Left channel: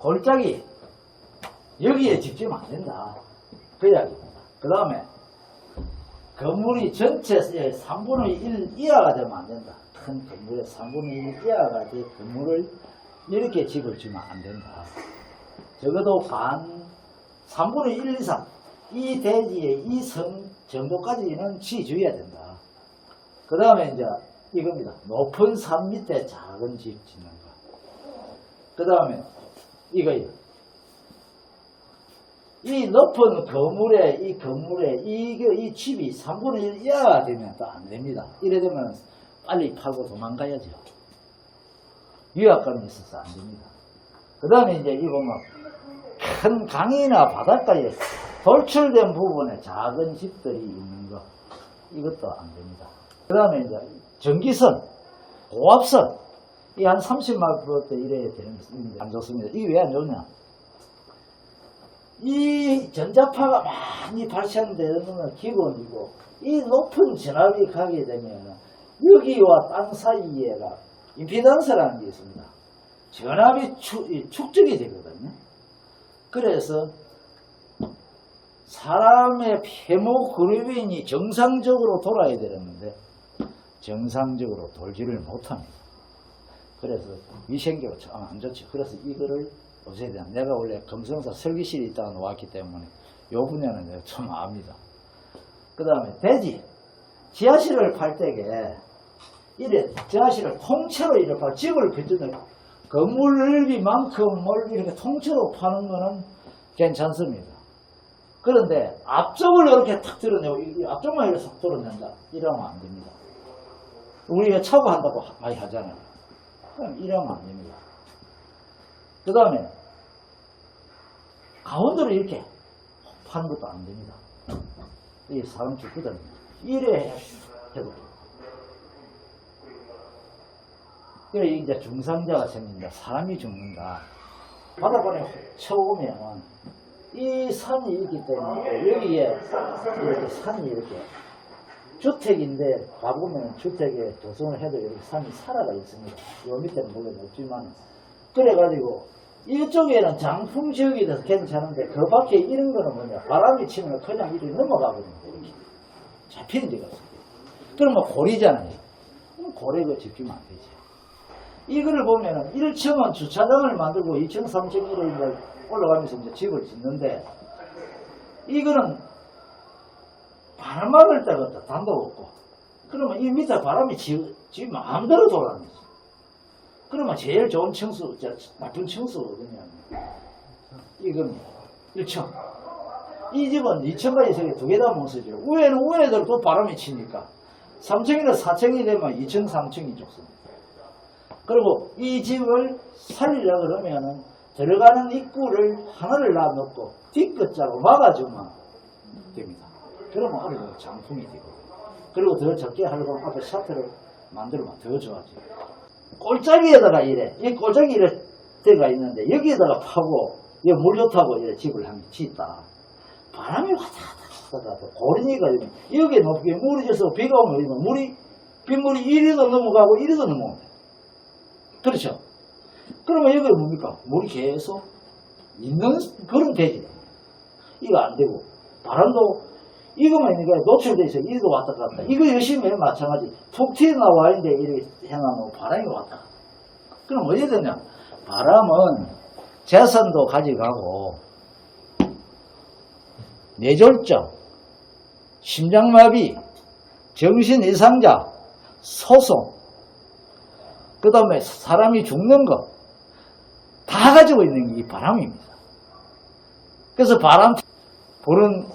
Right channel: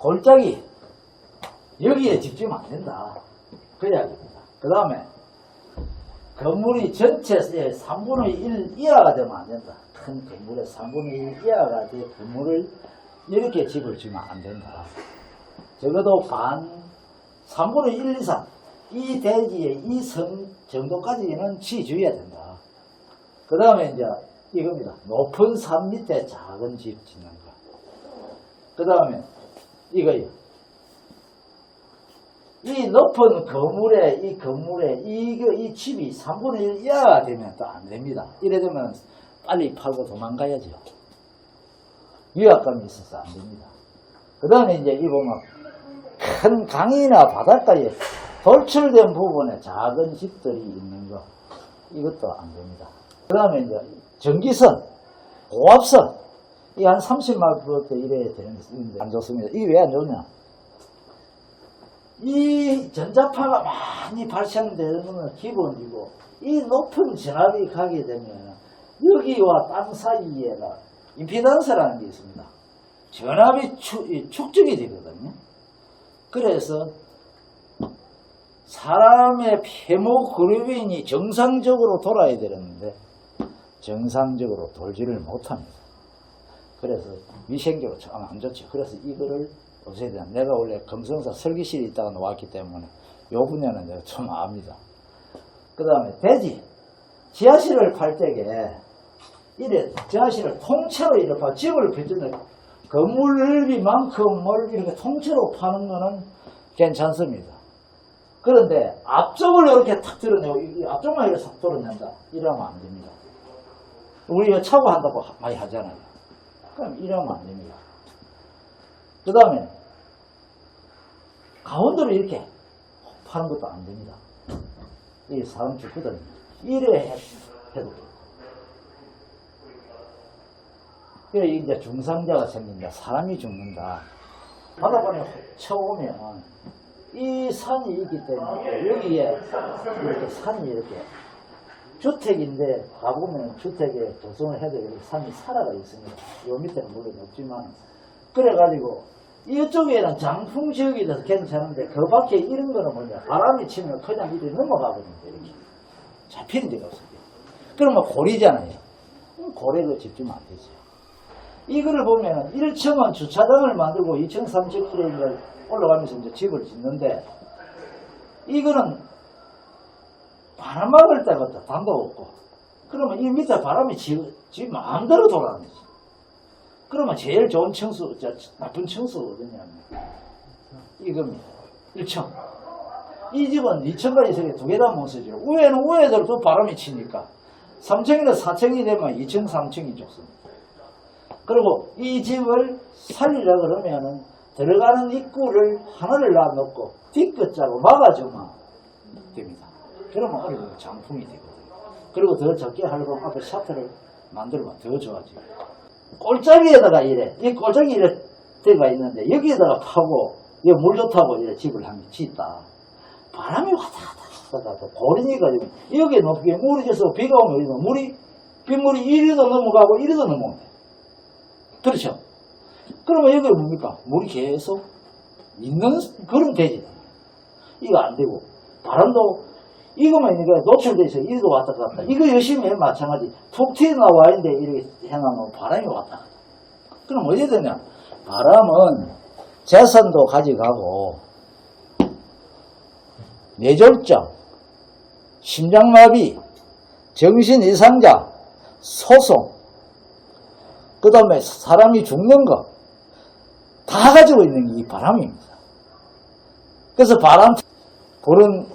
골짜기 여기에 집지면 안 된다. 그 이야기입니다. 그 다음에 건물이 전체의 3분의 1 이하가 되면 안 된다. 큰 건물의 3분의 1 이하가 된 건물을 이렇게 집을 지면 안 된다. 적어도 반 3분의 1 이상 이 대지의 이 성 정도까지는 지주해야 된다. 그 다음에 이제 이겁니다. 높은 산 밑에 작은 집 짓는 거. 그 다음에 이거요. 이 높은 건물에, 이 건물에, 이, 이 집이 3분의 1 이하가 되면 또 안 됩니다. 이래 되면 빨리 팔고 도망가야죠. 위압감이 있어서 안 됩니다. 그 다음에 이제 이 보면 큰 강이나 바닷가에 돌출된 부분에 작은 집들이 있는 거. 이것도 안 됩니다. 그 다음에 이제 전기선, 고압선, 이한 30만 부터 이래야 되는데 안 좋습니다. 이게 왜안 좋냐? 이 전자파가 많이 발생되는 것은 기본이고 이 높은 전압이 가게 되면 여기와 땅 사이에가 임피던스라는 게 있습니다. 전압이 축, 이 축적이 되거든요. 그래서 사람의 헤모글로빈이 정상적으로 돌아야 되는데 정상적으로 돌지를 못합니다. 그래서 위생적으로 참 안 좋죠. 그래서 이거를 없애야 된다. 내가 원래 검성사 설계실에 있다가 놓았기 때문에 요 분야는 내가 좀 압니다. 그 다음에 대지. 지하실을 팔 때에 이래 지하실을 통째로 이렇게 파 집을 빚는 건물 넓이만큼을 이렇게 통째로 파는 거는 괜찮습니다. 그런데 앞쪽을 이렇게 탁 드러내고 이 앞쪽만 이렇게 싹 드러낸다. 이러면 안 됩니다. 우리가 차고 한다고 하- 많이 하잖아요. 그럼 이러면 안 됩니다. 그 다음에 가운데로 이렇게 파는 것도 안 됩니다. 이 사람 죽거든요. 이래 해도. 그래 이제 중상자가 생긴다. 사람이 죽는다. 바닷가에 쳐오면 이 산이 있기 때문에 여기에 이렇게 산이 이렇게 주택인데 가보면 주택에 조성을 해도 이렇게 산이 살아가 있습니다. 요 밑에는 물론 없지만. 그래가지고 이쪽에는 장풍 지역이 돼서 괜찮은데 그 밖에 이런 거는 뭐냐. 바람이 치면 그냥 이렇게 넘어가거든요 이렇게. 잡히는 데가 없어요. 그러면 고리잖아요. 그럼 고리가 집지면 안 되죠 이거를 보면은 1층은 주차장을 만들고 2층 3층 이래 올라가면서 이제 집을 짓는데 이거는 바람 막을 데가 없다 담도 없고 그러면 이 밑에 바람이 지, 지 마음대로 돌아가는 거지 그러면 제일 좋은 저, 나쁜 층수가 어디냐면, 이겁니다. 1층. 이 집은 2층까지 세개 두 개 다 못 쓰죠. 위에는 위에대로 또 바람이 치니까, 3층이나 4층이 되면 2층, 3층이 좋습니다. 그리고 이 집을 살리려 그러면은, 들어가는 입구를 하나를 놔놓고, 뒷끝자로 막아주면 됩니다. 그러면 어느 정도 장풍이 되거든요. 그리고 더 적게 하려고 하면 앞에 샤트를 만들면 더 좋아지고. 꼴짜기에다가 이래, 이 꼴짜기 이래 데가 있는데, 여기에다가 파고, 여기 물 좋다고 이래 집을 한 짓다. 바람이 왔다 갔다 갔다 고리니까 여기 높게 물이 져서 비가 오면 이러면 물이, 빗물이 이리도 넘어가고 이리도 돼. 그렇죠? 그러면 여기 뭡니까? 물이 계속 있는 그런 대지다. 이거 안 되고, 바람도 이거만 있는 게 노출돼 있어. 이리도 왔다 갔다. 이거 열심히 해 마찬가지. 툭 튀어나와 있는데 이렇게 해놔놓으면 바람이 왔다. 그럼 어디 되냐? 바람은 재산도 가져가고, 뇌졸중, 심장마비, 정신 이상자, 소송, 그 다음에 사람이 죽는 거, 다 가지고 있는 게 이 바람입니다. 그래서 바람, 그런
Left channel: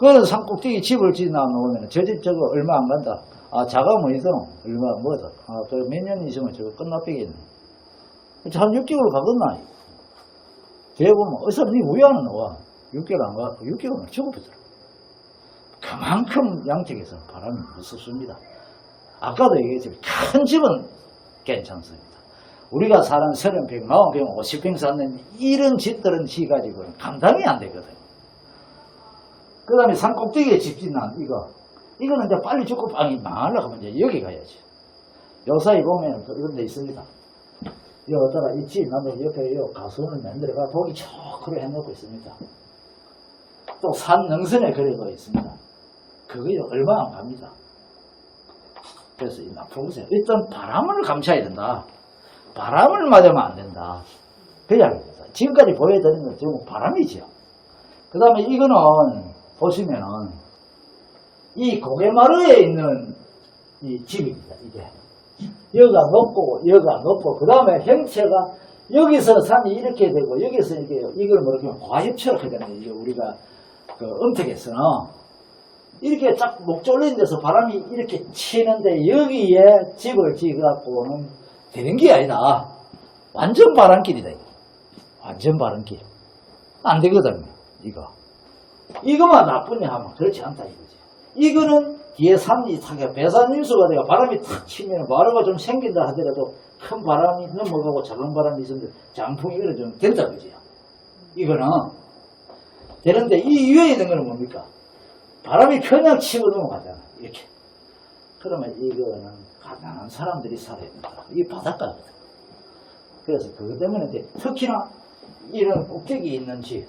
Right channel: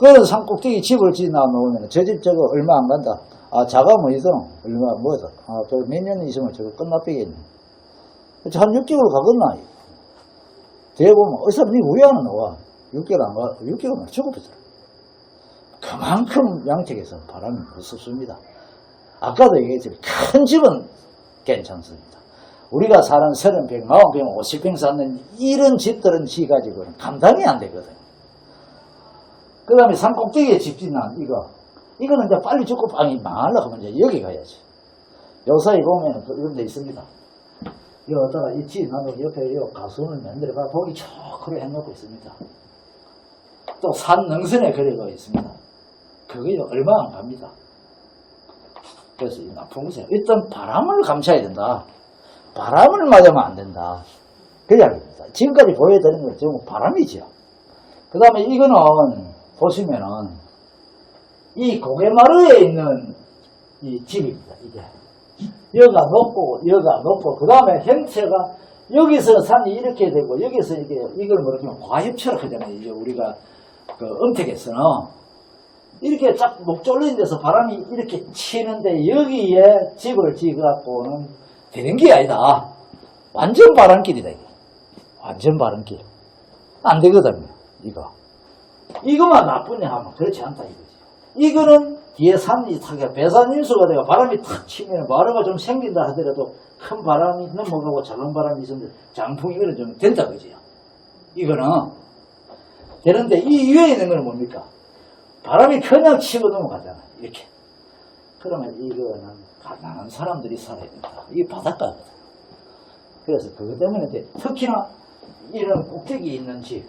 그런 산꼭대기 집을 지나 놓으면 저 집 저거 얼마 안 간다. 아, 자가 뭐이든 얼마 뭐다. 아, 저몇년 있으면 저거 끝나빼겠네. 한 6개월 가겠나. 뒤에 보면, 어디서 니 왜 안 나와? 6개월 안 가, 6개월만 죽어버더라. 그만큼 양택에서 바람이 무섭습니다. 아까도 얘기했지만, 큰 집은 괜찮습니다. 우리가 사는 30평, 40평, 50평 사는 이런 집들은 지 가지고는 감당이 안 되거든요. 그 다음에 산 꼭대기에 집 짓는 이거. 이거는 이제 빨리 죽고 빵이 망하려고 하면 이제 여기 가야지. 요사이 보면 또 이런 데 있습니다. 여기다가 이 지나도 옆에 요 가수원을 만들어가 보기 좋고 해놓고 있습니다. 또 산 능선에 그려져 있습니다. 그게 얼마 안 갑니다. 그래서 이 나쁜 곳에 일단 바람을 감춰야 된다. 바람을 맞으면 안 된다. 그 이야기입니다. 지금까지 보여드리는 건 전부 바람이죠. 그 다음에 이거는 보시면은 이 고개마루에 있는 이 집입니다. 이게 여가 높고 여가 높고 그 다음에 형체가 여기서 산이 이렇게 되고 여기서 이게 이걸 뭐라 하면 과엽처럼 하잖아요. 이제 우리가 그 음택에서는 이렇게 쫙 목 졸린 데서 바람이 이렇게 치는데 여기에 집을 지어갖고는 되는 게 아니다. 완전 바람길이다. 이거. 완전 바람길. 안 되거든요. 이거. 이거만 나쁘냐 하면 그렇지 않다 이거지. 이거는 뒤에 산이 타게 배산임수가 되고 바람이 탁 치면 마루가 좀 생긴다 하더라도 큰 바람이 넘어가고 작은 바람이 있으면 장풍이 이런 좀 된다 그지요. 이거는 되는데 이 위에 있는 거는 뭡니까? 바람이 그냥 치고 넘어가잖아. 이렇게. 그러면 이거는 가난한 사람들이 살아야 된다. 이게 바닷가거든. 그래서 그것 때문에 특히나 이런 꼭대기 있는 집,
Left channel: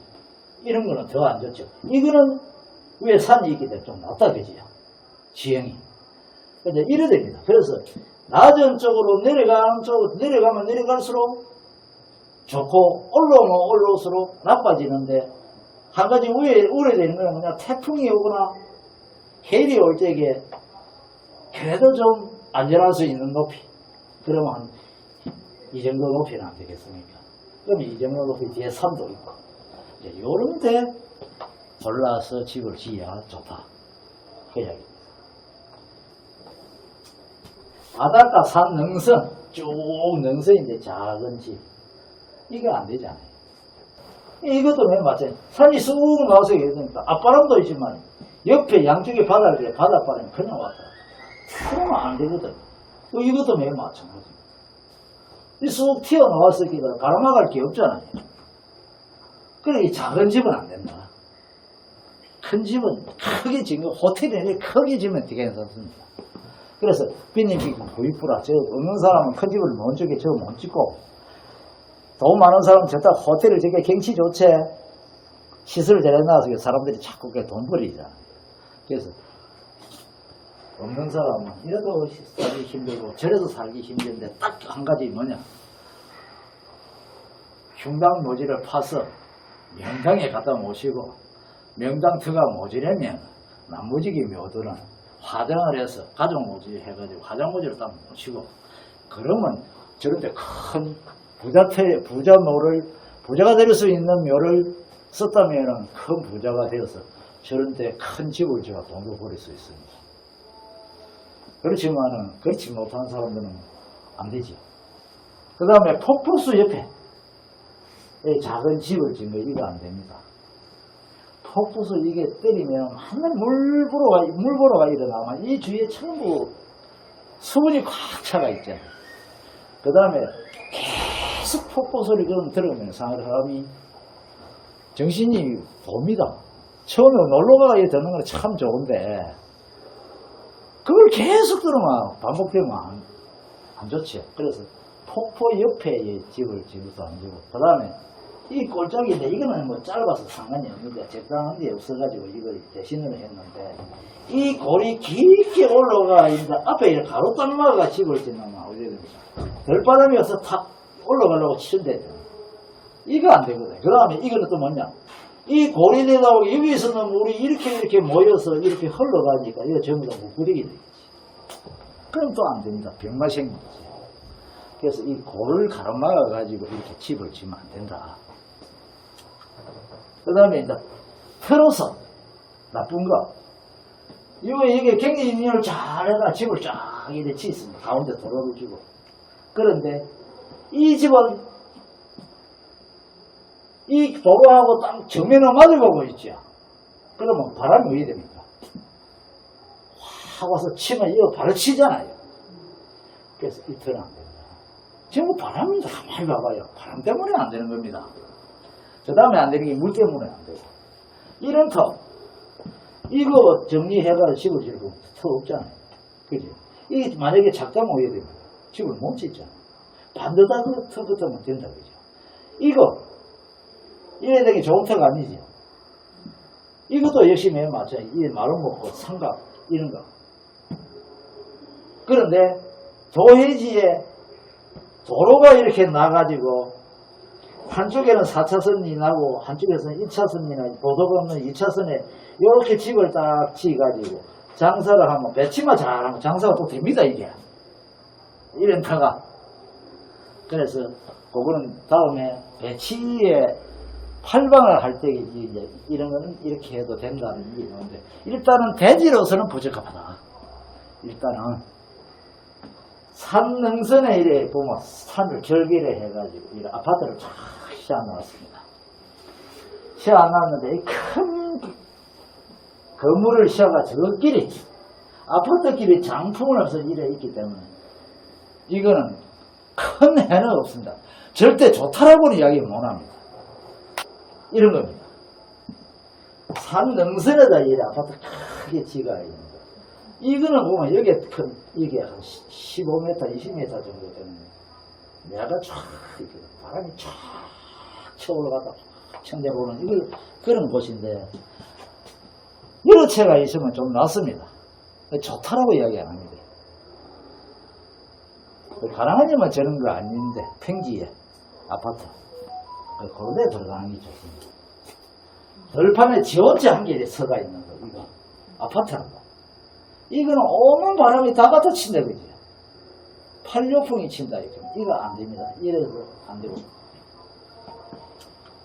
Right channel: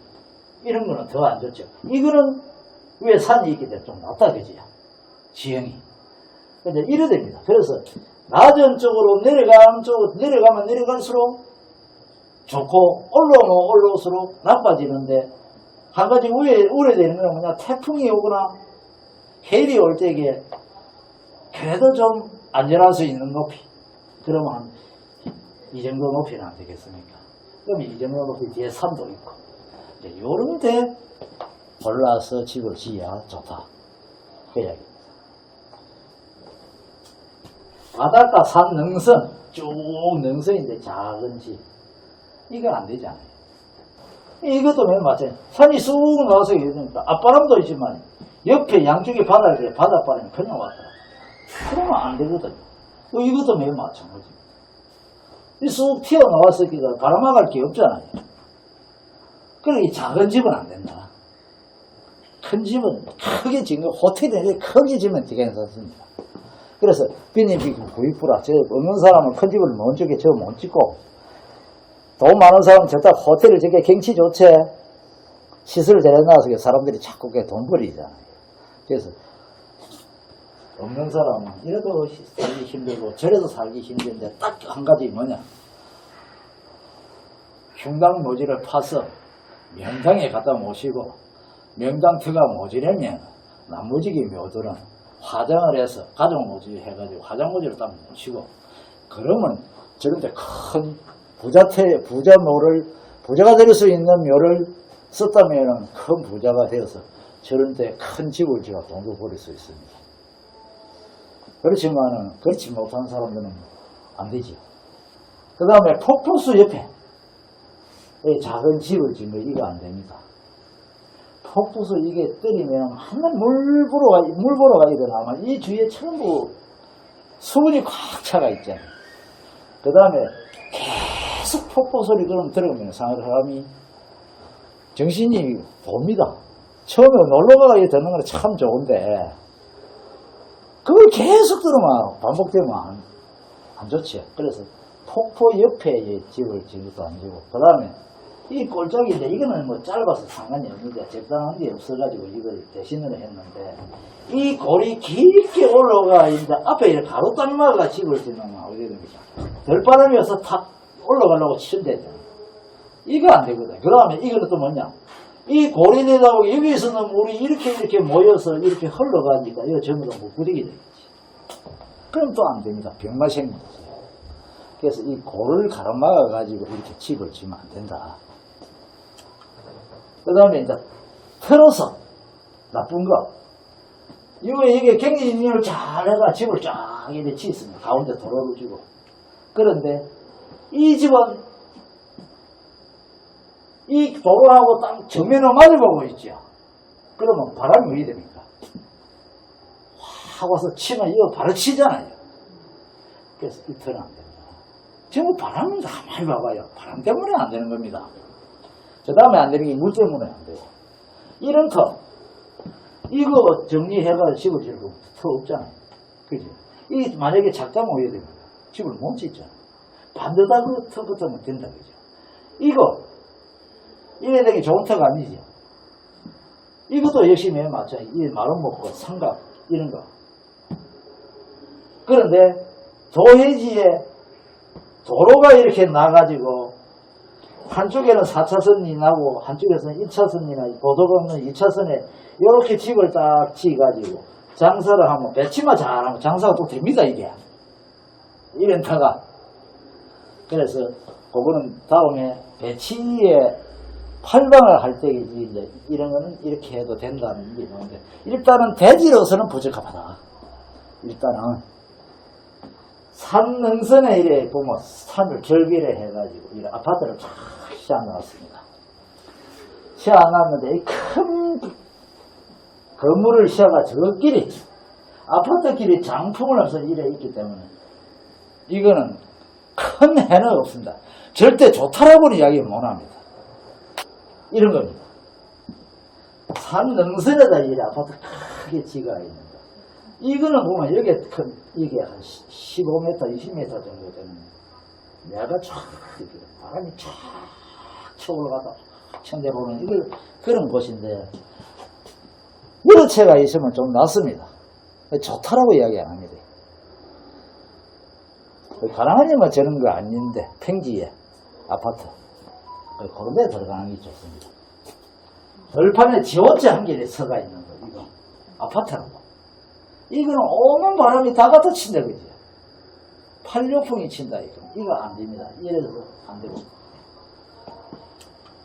이런 거는 더 안 좋죠. 이거는 왜 산이 있기 때문에 좀 낫다, 그지요? 지형이. 근데 이래 됩니다. 그래서 낮은 쪽으로 내려가는 쪽으로 내려가면 내려갈수록 좋고 올라오면 올라올수록 나빠지는데 한 가지 우에, 우려되는 건 뭐냐 태풍이 오거나 해일이 올 때에 그래도 좀 안전할 수 있는 높이 그러면 한 이 정도 높이는 안 되겠습니까? 그럼 이 정도 높이 뒤에 산도 있고 이제 요런 데 골라서 집을 지어야 좋다 그 이야기입니다. 바닷가 산 능선 쭉 능선인데 작은 집 이거 안 되잖아요. 이것도 맨 마찬가지. 산이 쑥 나와서 이러니까 앞바람도 있지만 옆에 양쪽에 바닥에 바닷바람이 그냥 왔더라. 그러면 안 되거든. 어, 이것도 맨 마찬가지. 쑥 튀어나왔을 기다 바람막을 게 없잖아요. 그래, 이 작은 집은 안 된다. 큰 집은 크게 지금 호텔에 크게 지면 되게 괜찮습니다. 그래서 빈님이 구입부라. 저 없는 사람은 큰 집을 못 주게 저못 짓고 돈 많은 사람은 저다 호텔을 저게 경치 좋지 시설을 잘해놔서 사람들이 자꾸 그게 돈 버리잖아요. 그래서 없는 사람은 이래도 살기 힘들고 저래도 살기 힘든데 딱 한 가지 뭐냐 흉당 노지를 파서 명당에 갖다 모시고 명당 터가 모지려면 나머지기 묘들은 화장을 해서 가족 모지 해가지고 화장 모지를 딱 모시고 그러면 저런데 큰 부자태 부자 묘를 부자가 될 수 있는 묘를 썼다면은 큰 부자가 되어서 저런데 큰 집을 지어 돈도 벌일 수 있습니다. 그렇지만은 그렇지 못한 사람들은 안 되지. 그 다음에 폭포수 옆에 이 작은 집을 지으면 이거 안 됩니다. 폭포수 이게 때리면 한날 물보로가 물보로가 일어나면 이 주위에 전부 수분이 꽉 차가 있잖아요. 그 다음에 계속 폭포 소리 그럼 들으면 사람이 정신이 봅니다. 처음에 놀러가가 듣는 건 참 좋은데 그걸 계속 들으면 반복되면 안, 안 좋지. 그래서 폭포 옆에 이 집을 지어서 안 지고 그 다음에 이 꼴짝인데 이거는 뭐 짧아서 상관이 없는데 적당한 게 없어가지고 이걸 대신으로 했는데 이 골이 깊게 올라가 이제 앞에 이렇게 가로 딱 막아가 집을 건 어떻게 됩니까? 들바람이 어서 탁 올라가려고 치는데잖아. 이거 안 되거든. 그 다음에 이거는 또 뭐냐? 이 골이 내다 보고 여기서는 물이 이렇게 이렇게 모여서 이렇게 흘러가니까 이거 전부 다 물구리기 되겠지. 그럼 또안 됩니다. 병마 생기지. 그래서 이 골을 가로막아 가지고 이렇게 집을 지으면 안 된다. 그 다음에 이제 틀어서 나쁜 거. 이거 이게 경기진을 잘 해가 집을 쫙 이렇게 짓습니다. 가운데 도로를 주고. 그런데 이 집은 이 도로하고 딱 정면을 마주보고 있죠. 그러면 바람이 왜 됩니까? 확 와서 치면 이거 바로 치잖아요. 그래서 이 터는 안 된다. 전부 바람을 가만히 봐봐요. 바람 때문에 안 되는 겁니다. 그 다음에 안 되는 게 물 때문에 안 되고. 이런 터. 이거 정리해가 집을 지을 거터 없잖아요. 그죠? 이 만약에 작다 모여야 됩니다. 집을 못 짓잖아요. 반듯하고 터 같으면 된다 그죠 이거 이래 되게 좋은 터가 아니죠 이것도 역시 맨 맞죠 이 마름 먹고 삼각 이런 거 그런데 도해지에 도로가 이렇게 나가지고 한쪽에는 4차선이 나고 한쪽에서는 1차선이나 보도가 없는 2차선에 이렇게 집을 딱 지어가지고 장사를 하면 배치만 잘하면 장사가 또 됩니다 이게 이런 터가. 그래서 그거는 다음에 배치에 팔방을 할 때 이제 이런 거는 이렇게 해도 된다는 게 있는데 일단은 대지로서는 부적합하다. 일단은 산 능선에 이래 보면 산을 절개를 해가지고 이 아파트를 쫙 시어놨습니다. 시어놨는데 이큰 건물을 시어가 저 길이 아파트 길이 장풍을 없어 이래 있기 때문에 이거는 큰 해는 없습니다. 절대 좋다라고는 이야기 못합니다. 이런 겁니다. 산 능선에다 이래 아파트 크게 지가 있는 거. 이거는 보면 여기에 큰, 이게 한 15m, 20m 정도 되는 내가 쫙, 이렇게 바람이 쫙 쳐 올라가다 천대로 오는 이걸 그런 곳인데, 채가 있으면 좀 낫습니다. 좋다라고 이야기 안 합니다. 가랑하니만 저런 거 아닌데, 평지에 아파트. 그런 데 들어가는 게 좋습니다. 들판에 지원제 한 개에 서가 있는 거, 이거. 아파트라고. 이거는 오는 바람이 다 갖다 친다, 그지? 팔요풍이 친다, 이거. 이거 안 됩니다. 이래서 안 되고.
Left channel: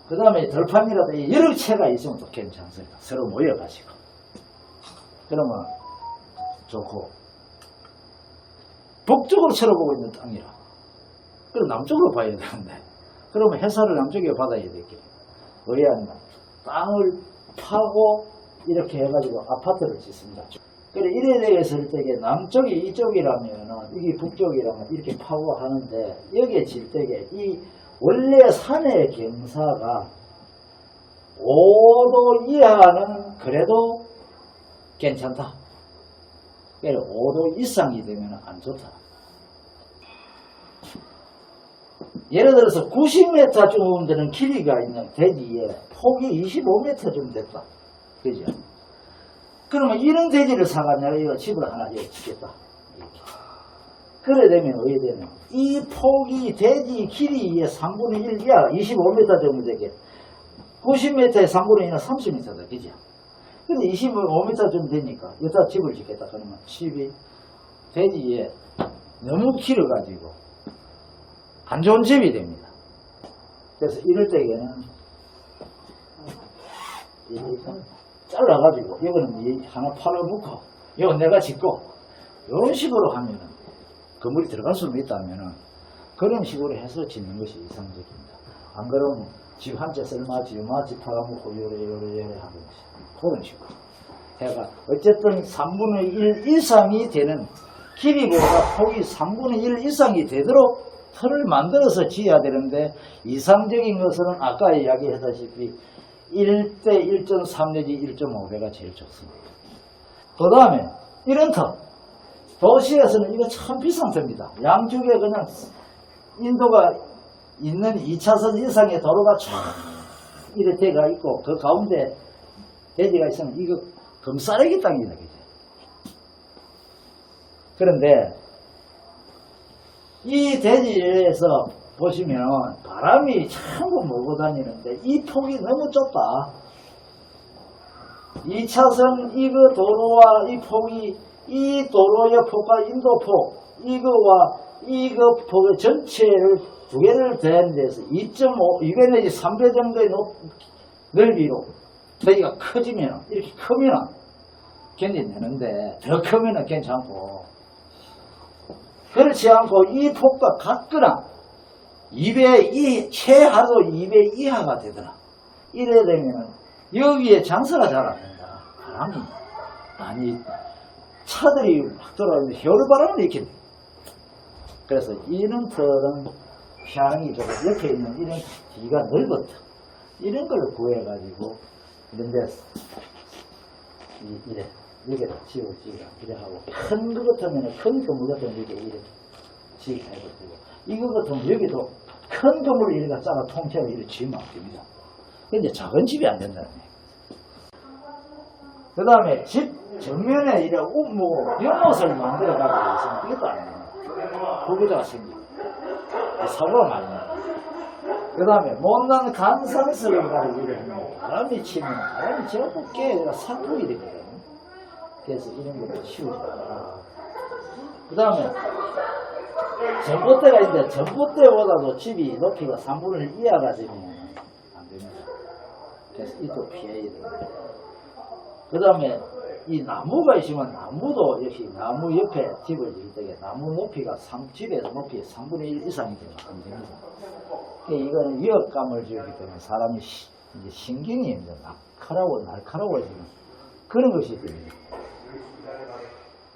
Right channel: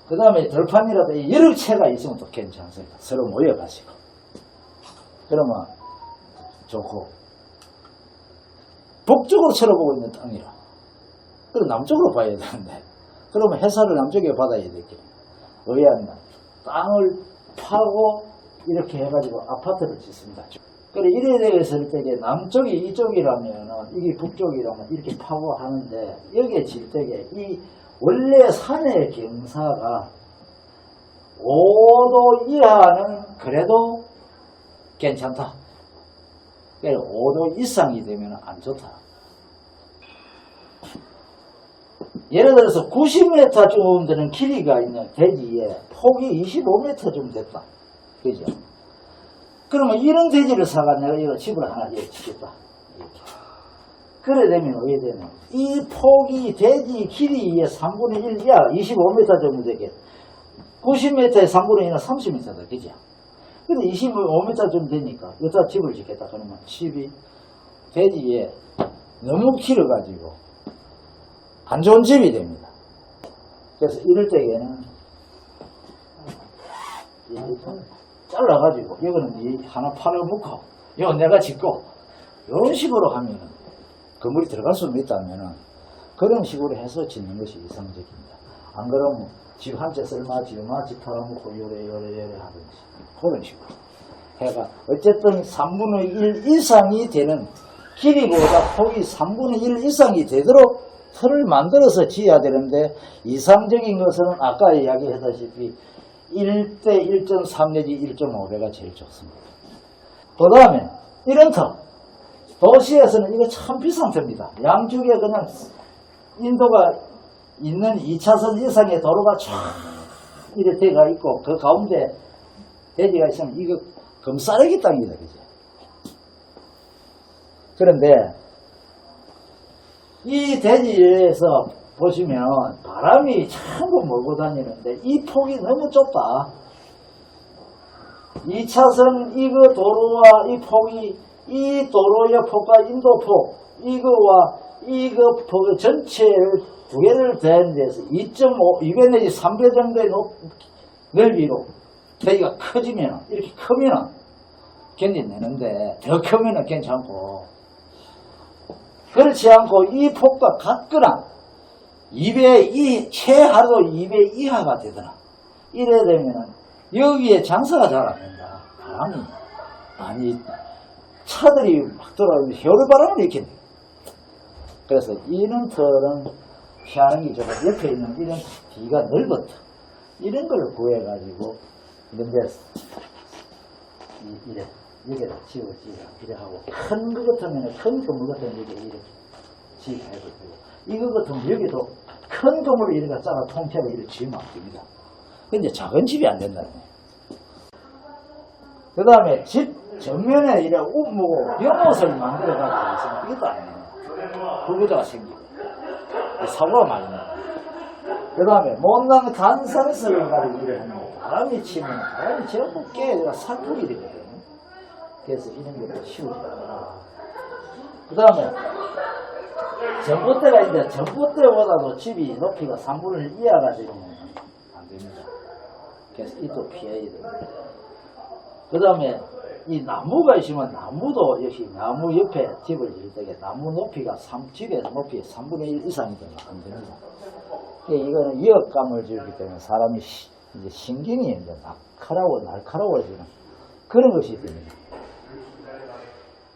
그 다음에 들판이라도 여러 채가 있으면 또 괜찮습니다. 서로 모여 가지고. 그러면 좋고. 북쪽으로 쳐다보고 있는 땅이라. 그럼 남쪽으로 봐야 되는데. 그러면 해사를 남쪽에 받아야 되겠네. 의아한 땅을 파고 이렇게 해가지고 아파트를 짓습니다. 그래 이래 되었을 때게 남쪽이 이쪽이라면은 이게 북쪽이라면 이렇게 파고 하는데 여기에 질 때게 이 원래 산의 경사가 5도 이하는 그래도 괜찮다. 그래 5도 이상이 되면 안 좋다. 예를 들어서 90m 쯤 되는 길이가 있는 대지에 폭이 25m 좀 됐다. 그죠? 그러면 이런 돼지를 사가 내가 이거 집을 하나 짓겠다. 이렇게. 그래 되면 어떻게 되냐. 이 폭이 돼지 길이의 3분의 1 이하 25m 정도 되게 90m에 3분의 1은 30m다. 그죠? 근데 25m 좀 되니까 여기다 집을 짓겠다. 그러면 집이 돼지에 너무 길어가지고 안 좋은 집이 됩니다. 그래서 이럴 때에는 이 잘라가지고 이거는 이 하나 팔아먹고 이건 내가 짓고 이런 식으로 하면은 건물이 들어갈 수 있다면은 그런 식으로 해서 짓는 것이 이상적입니다. 안 그러면 집 한 채 쓸마 지어마 집 팔아먹고 요래 요래 요래 하든지 그런 식으로 해가 어쨌든 3분의 1 이상이 되는 길이보다 폭이 3분의 1 이상이 되도록 틀을 만들어서 지어야 되는데 이상적인 것은 아까 이야기했다시피 1대 1.3 내지 1.5배가 제일 좋습니다. 그 다음에 이런 터. 도시에서는 이거 참 비싼 터입니다. 양쪽에 그냥 인도가 있는 2차선 이상의 도로가 쫙 이래 돼가 있고 그 가운데 대지가 있으면 이거 금싸레기 땅이다. 그죠? 그런데 이 대지에서 보시면 바람이 참고 몰고 다니는데 이 폭이 너무 좁다. 2차선 이거 도로와 이 폭이 이 도로의 폭과 인도폭 이거와 이거 폭의 전체를 두 개를 댄 데서 2.5, 2배 내지 3배 정도의 높, 넓이로 대기가 커지면 이렇게 크면 견뎌내는데 더 크면 괜찮고 그렇지 않고 이 폭과 같거나 2배 이 최하로 2배 이하가 되더라. 이래 되면은 여기에 장사가 잘 안 된다. 바람이 아니 차들이 막 돌아오면 혀울바람을 일으킨다. 그래서 이런 털은 피하는 게 좋고 옆에 있는 이런 뒤가 넓었다. 이런 걸 구해가지고 이런 데 이- 이래 여기다 지워 지어 이래 하고 큰 거 같으면 큰 건물 같으면 이렇게 이렇게 지켜도 되고 이거 같으면 여기도 큰 건물을 이렇게 짜라 통째로 이렇게 지으면 안 됩니다. 근데 작은 집이 안 된다네. 그 다음에 집 정면에 이래 우무고 연못을 만들어 가지고 있으면 이것도 안 됩니다. 불구조가 생기고 이 사고가 많이 나요. 그 다음에 못난 간산설을 가지고 이래 하면 바람이 치면 바람이 전부 깨가 살풀이 되거든요. 그래서 이런 것도 않아. 그 다음에 전봇대가 있는데 전봇대보다도 집이 높이가 3분의 1 이하가 되면 안 됩니다. 그래서 이도 피해야 됩니다. 그 다음에 이 나무가 있으면 나무도 역시 나무 옆에 집을 지을 때에 나무 높이가 3, 집의 높이 3분의 1 이상이 되면 안 됩니다. 이거는 위협감을 주기 때문에 사람이 시- 이제 신경이 이제 날카로워 날카로워지는 그런 것이 됩니다.